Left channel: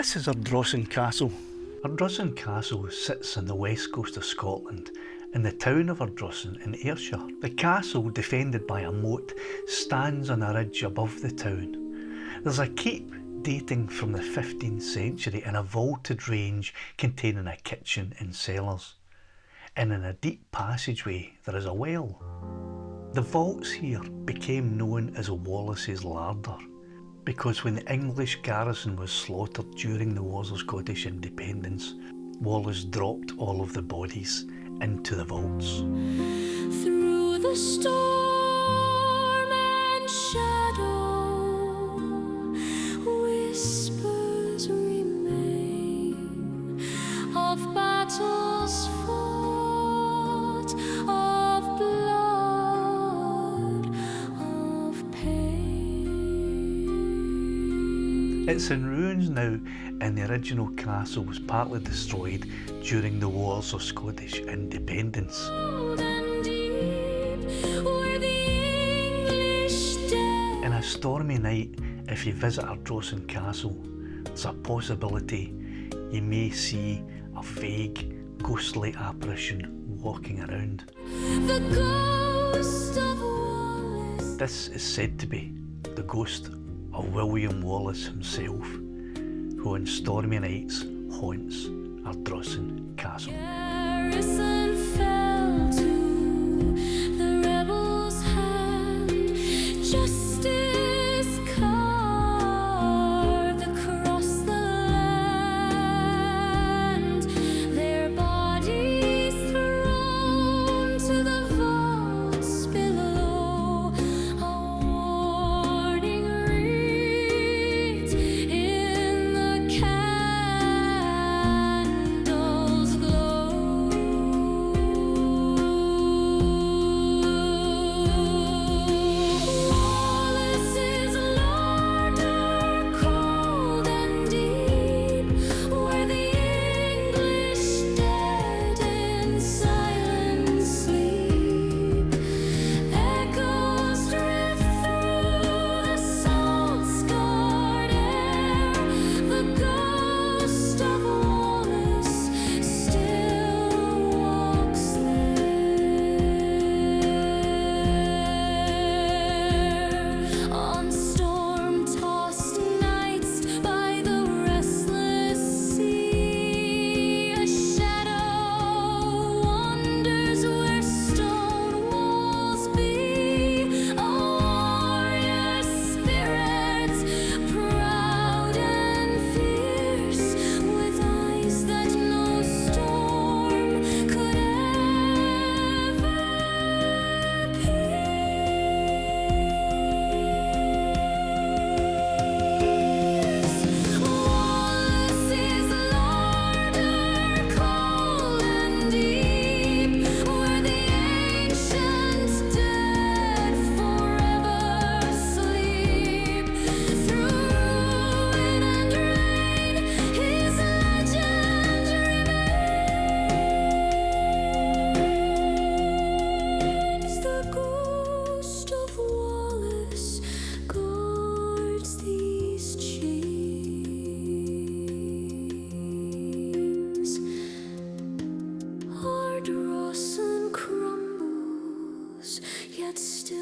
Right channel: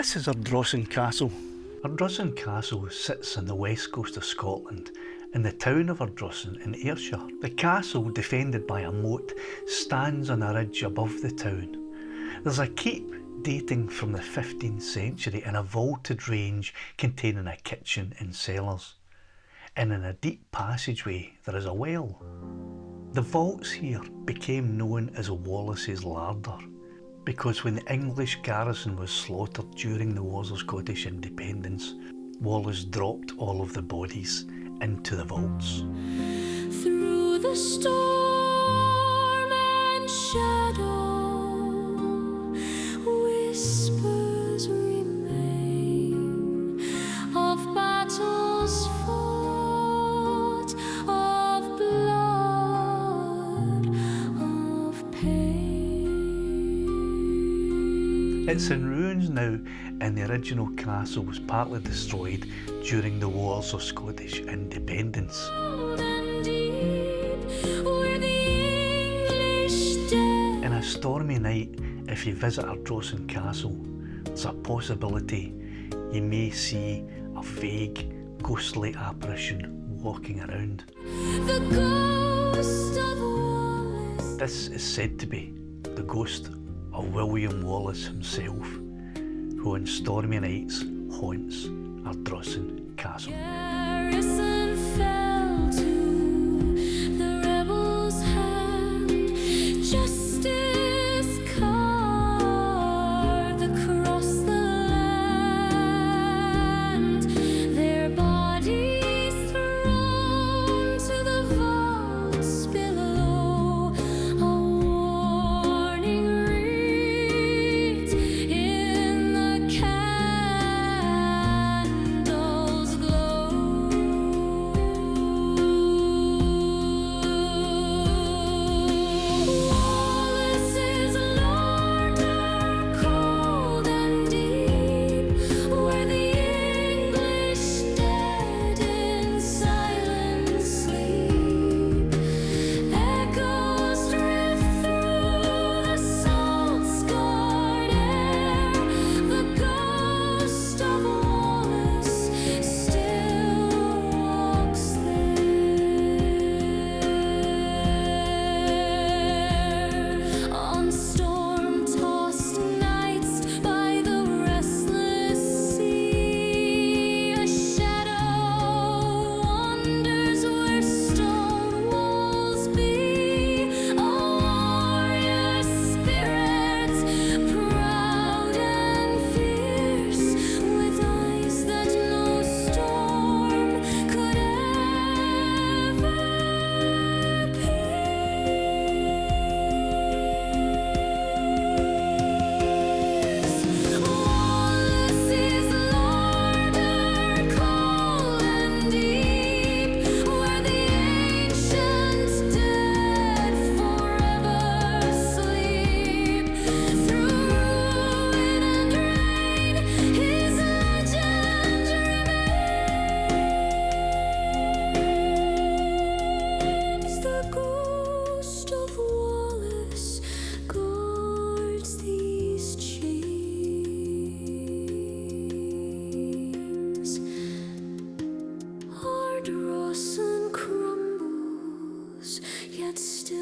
This is Ardrossan Castle. Ardrossan Castle sits on the west coast of Scotland in the town of Ardrossan in Ayrshire. The castle, defended by a moat, stands on a ridge above the town. There's a keep dating from the 15th century and a vaulted range containing a kitchen and cellars. And in a deep passageway there is a well. The vaults here became known as Wallace's Larder, because when the English garrison was slaughtered during the Wars of Scottish Independence, Wallace dropped all of the bodies into the vaults. Through the storm and shadow, whispers remain of battles fought, of blood, of pain. It's in ruins now, and the original castle was partly destroyed during the Wars of Scottish Independence. In a stormy night, if you visit Ardrossan Castle, there's a possibility you may see a vague, ghostly apparition walking around. The ghost of Wallace. This is said to be the ghost of William Wallace himself, who on stormy nights haunts Ardrossan Castle. Garrison fell to the rebels' hand. Justice carved across the land. Their bodies thrown to the vaults below. A warning wreath in the candles glow. Wallace's Larder, cold and deep, where the English dead in silence sleep. Echoes drift through the salt-scarred air. The ghost of Wallace still walks there. On storm-tossed nights by the restless sea, a shadow wanders where stone walls be. A warrior spirit, proud and fierce, with eyes that no storm could ever pierce. Wallace's Larder, cold and deep, where the ancient dead forever sleep. Through ruin and rain, his legend remains. The ghost of Wallace guards these chains. Ardrossan crumbles, yet still